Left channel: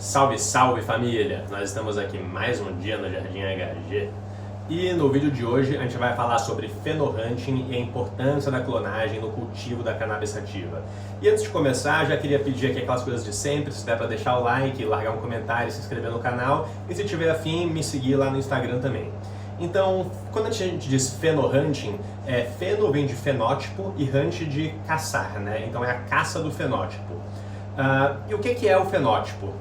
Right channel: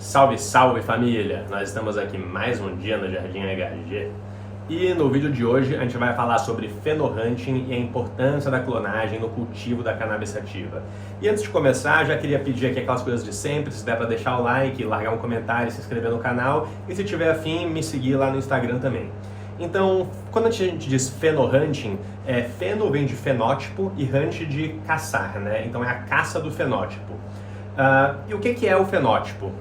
Salve, salve família! Nós estamos aqui mais um dia no Jardim HG e no vídeo de hoje a gente vai falar sobre fenohunting e a importância da clonagem no cultivo da cannabis sativa. E antes de começar, já queria pedir aqui aquelas coisas de sempre, se der para deixar o like, largar um comentário, se inscrever no canal e se tiver afim, me seguir lá no Instagram também. Então, quando a gente diz fenohunting, feno vem de fenótipo e hunt de caçar, né? Então é a caça do fenótipo. E o que é o fenótipo?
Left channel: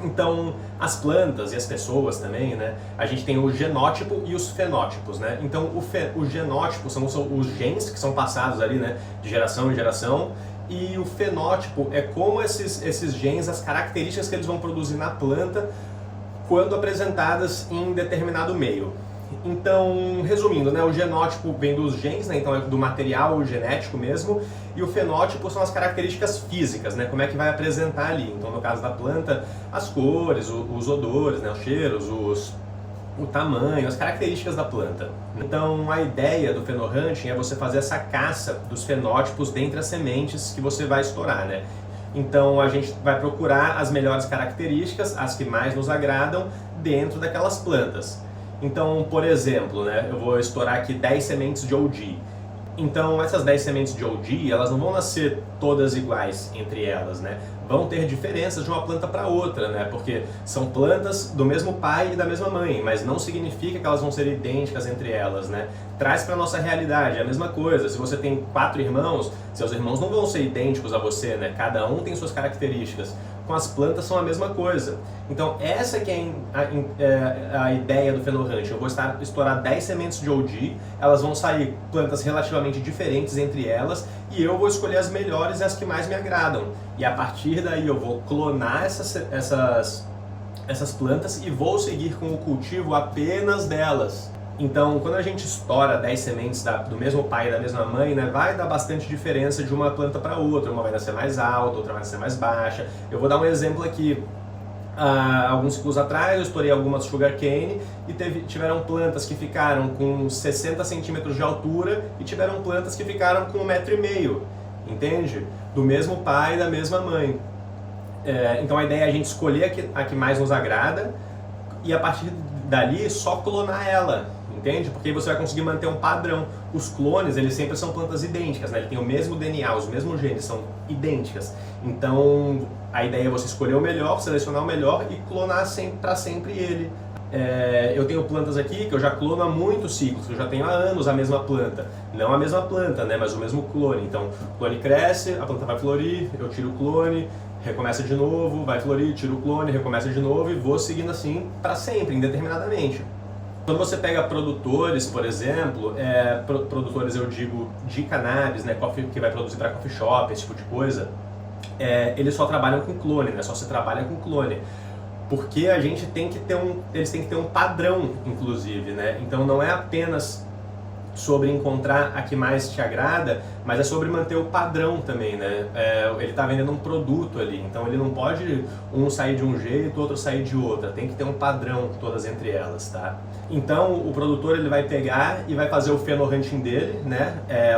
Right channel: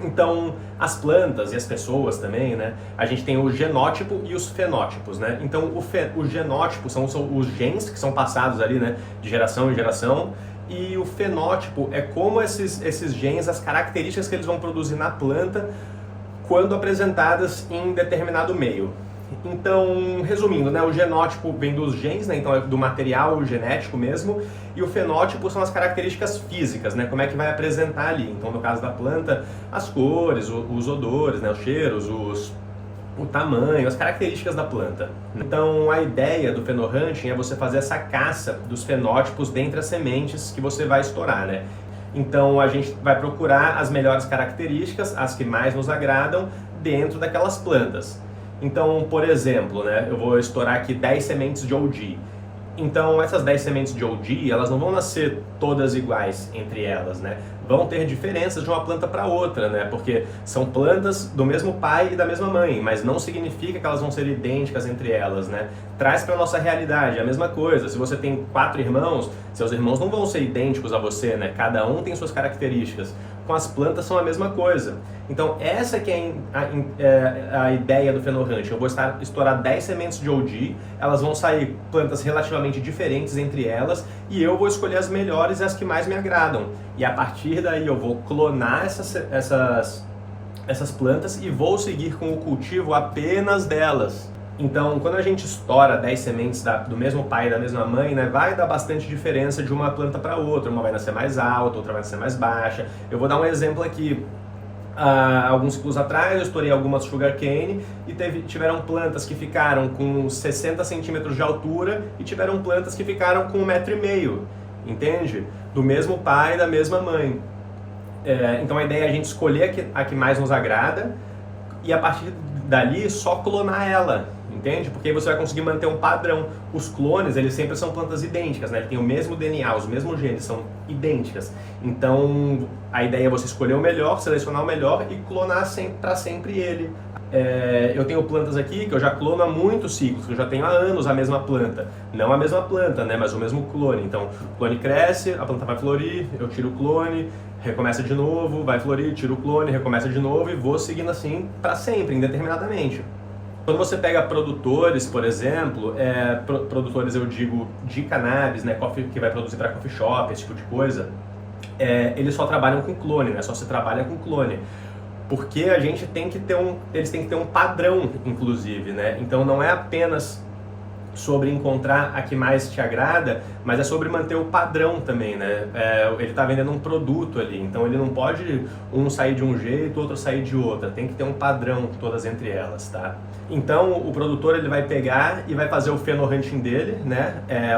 Então, as plantas e as pessoas também, né? A gente tem o genótipo e os fenótipos, né? Então, o genótipo são os genes que são passados ali, né? De geração em geração. E o fenótipo é como esses genes, as características que eles vão produzir na planta quando apresentadas em determinado meio. Então, resumindo, né, o genótipo vem dos genes, né, então é do material genético mesmo, e o fenótipo são as características físicas, né, como é que vai apresentar ali. Então, no caso da planta, as cores, os odores, né, os cheiros, o tamanho, as características da planta. Então, a ideia do fenohunting é você fazer essa caça dos fenótipos dentre as sementes que você vai estourar, né? Então, a gente vai procurar as melhores características, as que mais nos agradam, dentro daquelas plantas. Então, por exemplo, né, eu vou estourar aqui 10 sementes de OG. Então, essas 10 sementes de OG, elas não vão nascer todas iguais entre elas, né? Vão ter diferenças de uma planta para outra, né? Porque são plantas do mesmo pai e da mesma mãe, mas não significa que elas vão ser idênticas entre elas, né? Traz para a nossa realidade a mesma coisa. Se você tem 4 irmãos, seus irmãos não vão ser idênticos a você, né? Cada um tem suas características. Com as plantas são a mesma coisa. Então essa que é a ideia do fenohunting. Eu vou estourar 10 sementes de OG, elas vão sair plantas relativamente diferentes entre elas e eu vou escolher as melhores e as que mais me agradam. E a partir daí eu vou clonar essas plantas e vou seguir com o cultivo apenas delas. Então, quando a gente estoura 10 sementes do mesmo pai e da mesma mãe, né, vai dar bastante diferença de uma planta para outra. Uma vai nascer mais alta, outra vai nascer mais baixa. Eu vou dar um exemplo aqui. Alguns ciclos atrás eu estourei algumas sugarcane e tiveram plantas que ficaram com 60 centímetros de altura e tiveram plantas que ficaram com 1,5 m, entende? Do mesmo pai e da mesma mãe. Então a ideia é a gente escolher a que mais nos agrada e a partir dali só clonar ela. Entende? Porque aí você vai conseguir manter um padrão. Os clones, eles sempre são plantas idênticas, né? Eles têm o mesmo DNA, os mesmos genes, são idênticas. Então, a ideia é você escolher o melhor, selecionar o melhor e clonar para sempre ele. Eu tenho plantas aqui que eu já clono há muitos ciclos, que eu já tenho há anos a mesma planta. Não a mesma planta, né? Mas o mesmo clone. Então, o clone cresce, a planta vai florir, eu tiro o clone, recomeça de novo, vai florir, tiro o clone, recomeça de novo e vou seguindo assim para sempre, indeterminadamente. Quando você pega produtores, por exemplo, produtores eu digo de cannabis, né, que vai produzir para coffee shop, esse tipo de coisa, eles só trabalham com clone, né, só se trabalha com clone. Porque a gente eles têm que ter um padrão, inclusive, né? Então não é apenas sobre encontrar a que mais te agrada, mas é sobre manter o padrão também, né? Ele está vendendo um produto ali, então ele não pode um sair de um jeito, outro sair de outra, tem que ter um padrão todas entre elas, tá? Então o produtor ele vai pegar e vai fazer o fenohunting dele, né?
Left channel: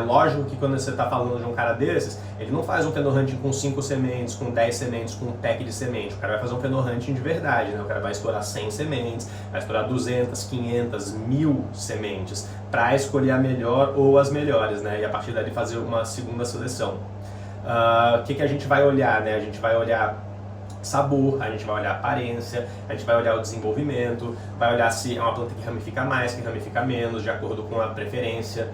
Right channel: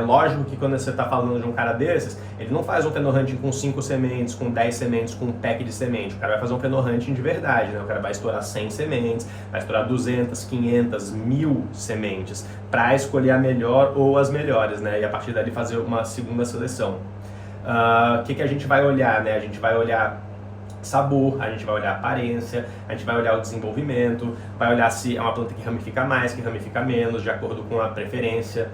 Lógico que quando você está falando de um cara desses, ele não faz um fenohunting com 5 sementes, com 10 sementes, com um pack de semente, o cara vai fazer um fenohunting de verdade, né? O cara vai estourar 100 sementes, vai estourar 200, 500, 1000 sementes, para escolher a melhor ou as melhores, né? E a partir dali fazer uma segunda seleção. O que a gente vai olhar, né? A gente vai olhar sabor, a gente vai olhar aparência, a gente vai olhar o desenvolvimento, vai olhar se é uma planta que ramifica mais, que ramifica menos, de acordo com a preferência,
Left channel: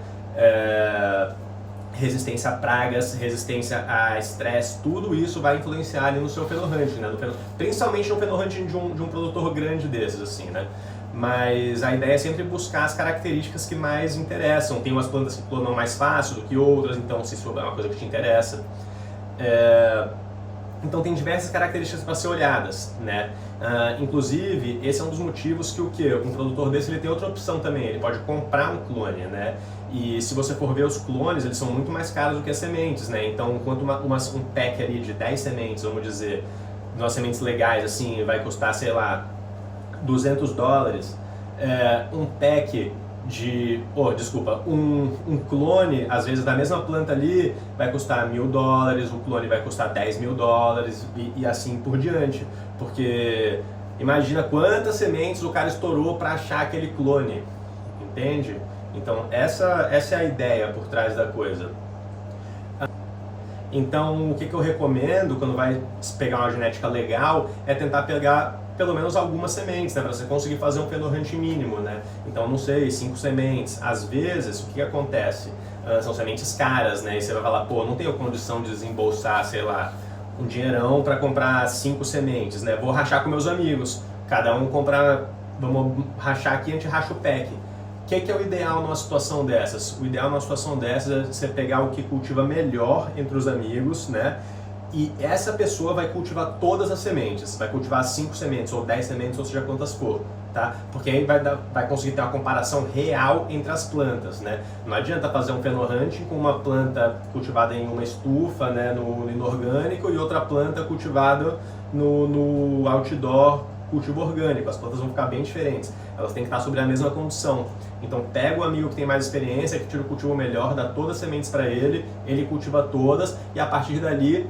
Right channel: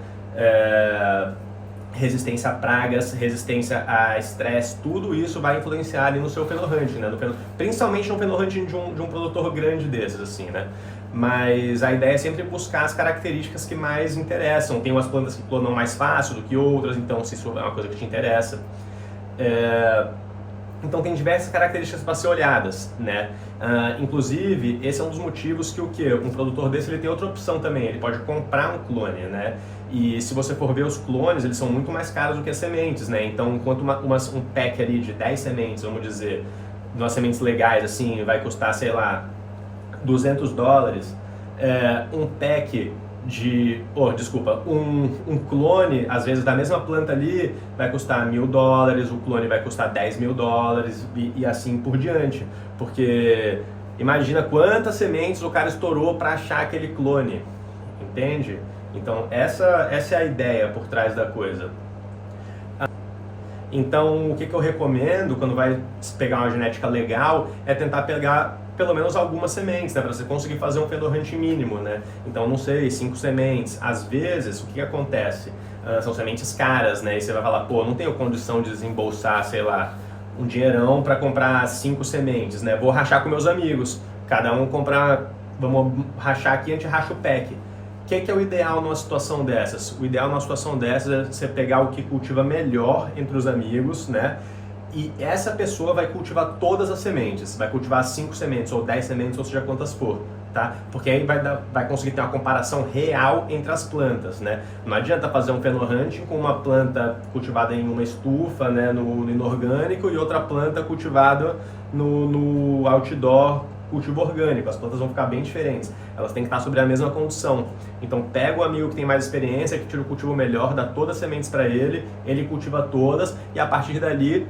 resistência a pragas, resistência a estresse, tudo isso vai influenciar ali no seu fenohunting, né? Principalmente no fenohunting de um produtor grande desses, assim, né? Mas a ideia é sempre buscar as características que mais interessam. Tem umas plantas que clonam mais fácil do que outras, então se isso é uma coisa que te interessa. Então tem diversas características para ser olhadas, né? Inclusive, esse é um dos motivos que um produtor desse ele tem outra opção também, ele pode comprar um clone, né? E se você for ver os clones, eles são muito mais caros do que as sementes, né? Então, enquanto um pack ali de 10 sementes, vamos dizer, umas sementes legais, assim, vai custar, sei lá, $200, um pack um clone, às vezes da mesma planta ali, vai custar $1.000, o clone vai custar $10.000 e assim por diante. Porque imagina quantas sementes o cara estourou para achar aquele clone, entende? Então essa é a ideia por trás da coisa. Então o que eu recomendo quando vai pegar uma genética legal é tentar pegar pelo menos algumas sementes, né, para você conseguir fazer um Fenor Hunt mínimo, né? Então, não sei, 5 sementes. Às vezes, o que acontece? São sementes caras, né? E você vai falar, pô, não tenho condição de desembolsar, sei lá, um dinheirão para comprar 5 sementes, né? Vou rachar com meus amigos. Cada um comprar, vamos rachar aqui, a gente racha o pack. O que é o ideal numa situação dessas? O ideal numa situação dessas é você pegar o que cultiva melhor entre os amigos, né? E essa pessoa vai cultivar todas as sementes, vai cultivar 5 sementes ou 10 sementes, ou seja quantas for, tá? Porque aí vai conseguir ter uma comparação real entre as plantas, né? Não adianta fazer um Fenor Hunt com uma planta cultivada em uma estufa, né, no inorgânico, e outra planta cultivada no outdoor, cultivo orgânico. As plantas vão ficar bem diferentes, elas têm que estar sobre a mesma condição. Então pega o amigo que tem mais experiência, que tira o cultivo melhor, dá todas as sementes para ele cultiva todas, e a partir dali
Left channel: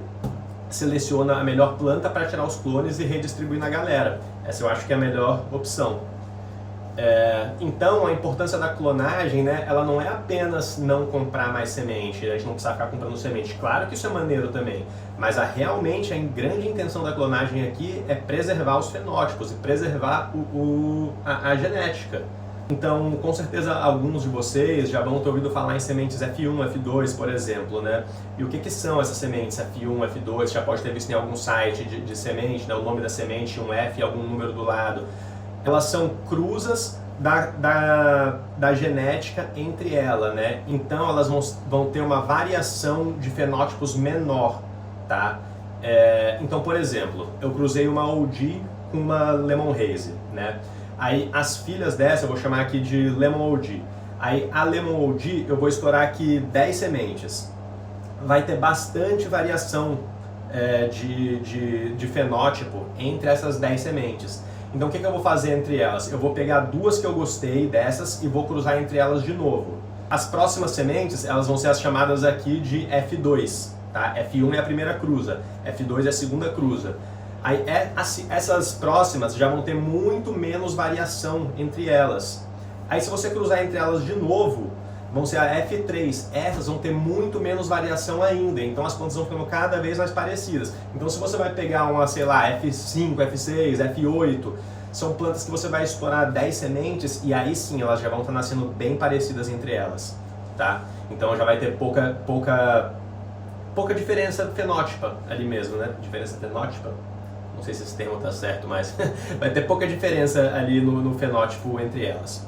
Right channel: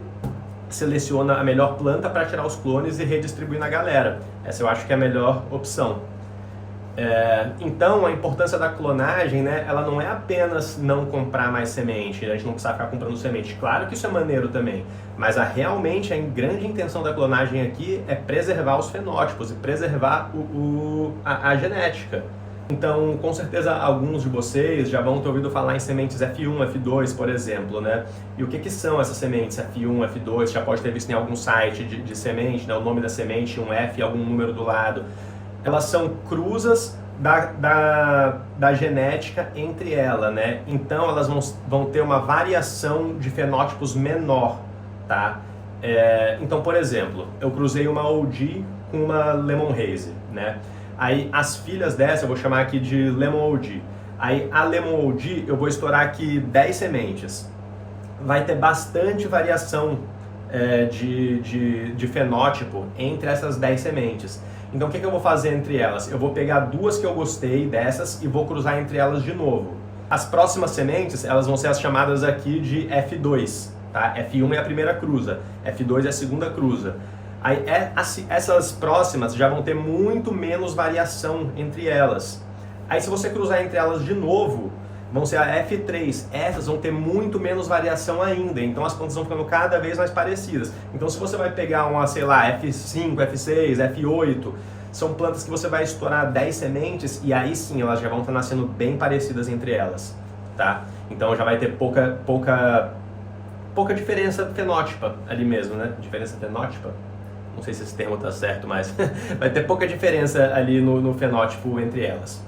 seleciona a melhor planta para tirar os clones e redistribuir na galera. Essa eu acho que é a melhor opção. Então a importância da clonagem, né, ela não é apenas não comprar mais semente, a gente não precisa ficar comprando semente. Claro que isso é maneiro também, mas realmente a grande intenção da clonagem aqui é preservar os fenótipos e preservar a genética. Então, com certeza, alguns de vocês já vão ter ouvido falar em sementes F1, F2, por exemplo, né? E o que são essas sementes F1, F2? Já pode ter visto em algum site de semente, né? O nome da semente, um F e algum número do lado. Elas são cruzas da genética entre elas, né? Então, elas vão ter uma variação de fenótipos menor, tá? Então, por exemplo, eu cruzei uma OG com uma Lemon Haze, né? Aí as filhas dessa eu vou chamar aqui de Lemon OG. Aí a Lemon OG eu vou estourar aqui 10 sementes. Vai ter bastante variação de fenótipo entre essas 10 sementes. Então o que eu vou fazer entre elas? Eu vou pegar duas que eu gostei dessas e vou cruzar entre elas de novo. As próximas sementes elas vão ser as chamadas aqui de F2. Tá? F1 é a primeira cruza, F2 é a segunda cruza. Aí essas próximas já vão ter muito menos variação entre elas. Aí se você cruzar entre elas de novo, vão ser a F3. Essas vão ter muito menos variação ainda, então as plantas vão ficando cada vez mais parecidas. Então se você vai pegar uma, sei lá, F5, F6, F8, são plantas que você vai estourar 10 sementes e aí sim elas já vão estar nascendo bem parecidas entre elas, tá? Então já vai ter pouca diferença fenótipa ali mesmo, né? Diferença fenótipa? Não sei se esse termo está certo, mas vai ter pouca diferença ali no fenótipo entre elas.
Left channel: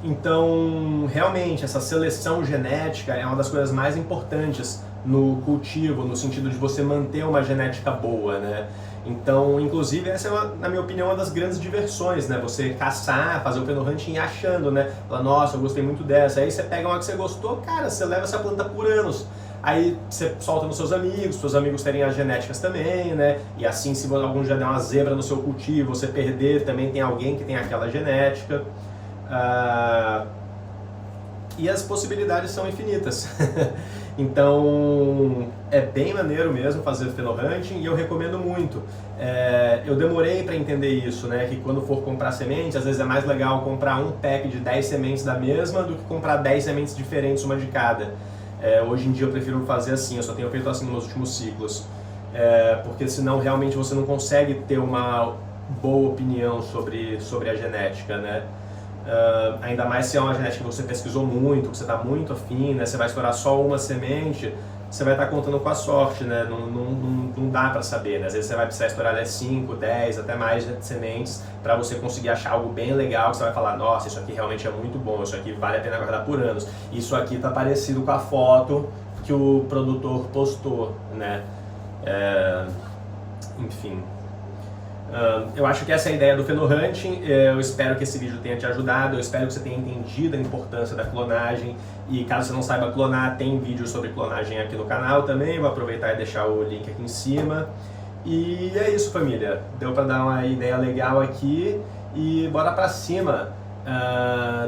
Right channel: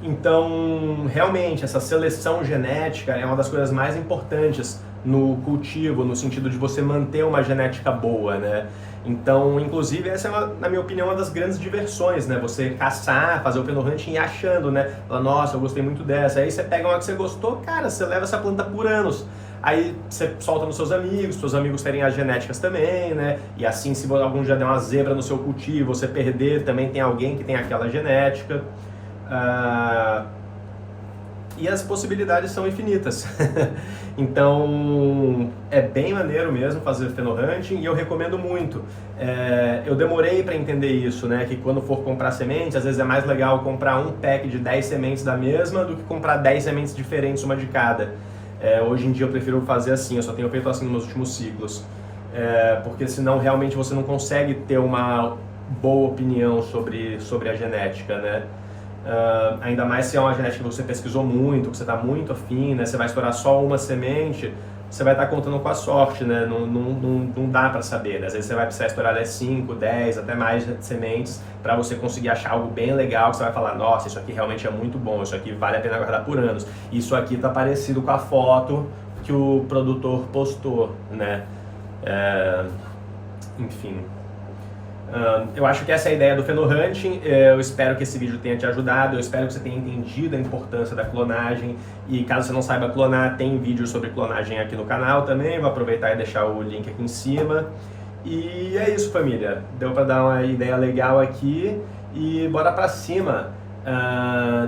Então, realmente, essa seleção genética é uma das coisas mais importantes no cultivo, no sentido de você manter uma genética boa, né? Então, inclusive, essa é, na minha opinião, uma das grandes diversões, né? Você caçar, fazer o Fenor Hunting e achando, né? Fala, nossa, eu gostei muito dessa. Aí você pega uma que você gostou, cara, você leva essa planta por anos. Aí você solta nos seus amigos terem as genéticas também, né? E assim, se algum dia der uma zebra no seu cultivo, você perder, também tem alguém que tem aquela genética. E as possibilidades são infinitas. Então, é bem maneiro mesmo fazer Fenor Hunting e eu recomendo muito. Eu demorei para entender isso, né? Que quando for comprar sementes, às vezes é mais legal comprar um pack de 10 sementes da mesma do que comprar 10 sementes diferentes, uma de cada. Hoje em dia eu prefiro fazer assim, eu só tenho feito assim nos últimos ciclos. Porque senão realmente você não consegue ter uma boa opinião sobre a genética, né? Ainda mais se é uma genética que você pesquisou muito, que você está muito afim, né? Você vai estourar só uma semente, você vai estar contando com a sorte, né? Não dá para saber, né? Às vezes você vai precisar estourar 5, 10, até mais sementes para você conseguir achar algo bem legal que você vai falar, nossa, isso aqui realmente é muito bom, isso aqui vale a pena guardar por anos, isso aqui está parecido com a foto que o produtor postou, né? Enfim. Eu acho que essa é a ideia do Fenor Hunting. Eu espero que esse vídeo tenha te ajudado, eu espero que você tenha entendido a importância da clonagem e caso você não saiba clonar, tem vídeo sobre clonagem aqui no canal também, vou aproveitar e deixar o link aqui em cima. E é isso, família, deu para dar uma ideia legal aqui e bora pra cima.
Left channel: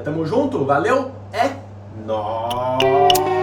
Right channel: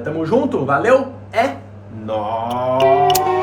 Tamo junto, valeu? É nóis!